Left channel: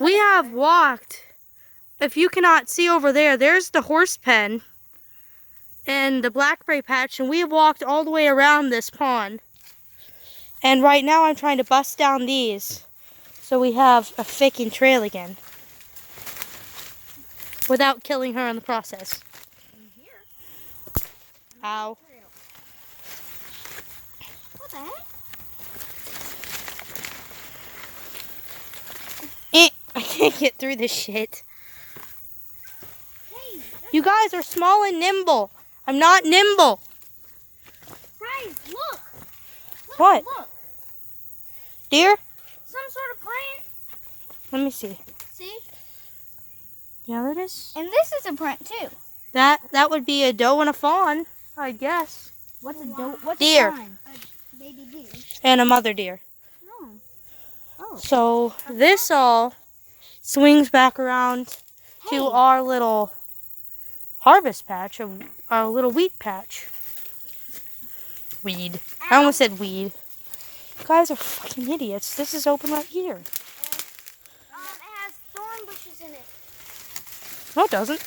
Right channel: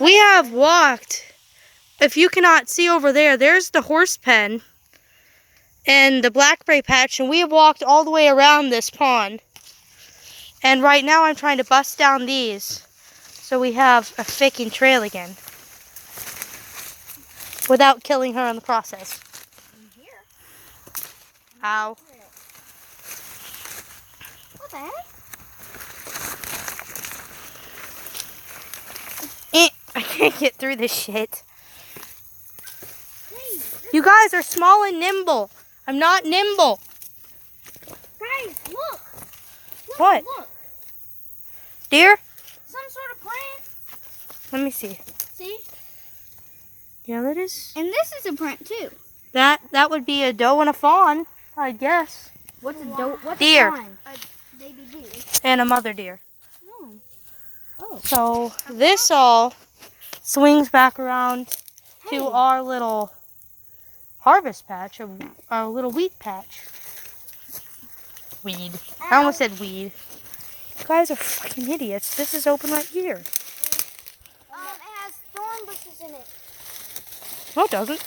We have walked. If you cannot see over there, there's the horse pen and the blackberry patch, and we have walked all the way around this pond. And right now I'm trying to bust down these so we have a faking trail again without killing her in the process. Ow. What the heck? I can't get through this shit. You guys are small and nimble. I'm not nimble. Guys, look. What? Look. Deer? Some sort of plant. Let me see. See? Yeah, that is. And this is a print too. That would be a doe and a fawn, I guess. What's a doe? What's Deer. a fawn? A baby deer. And a mother deer. Oh. Oh. So this all swings back around to Hey. our little harvest patch, our little wheat patch. Weed. I almost said weed. You guys are fucking idiots. This is open right here. It has thorn bushes in it. No, it doesn't.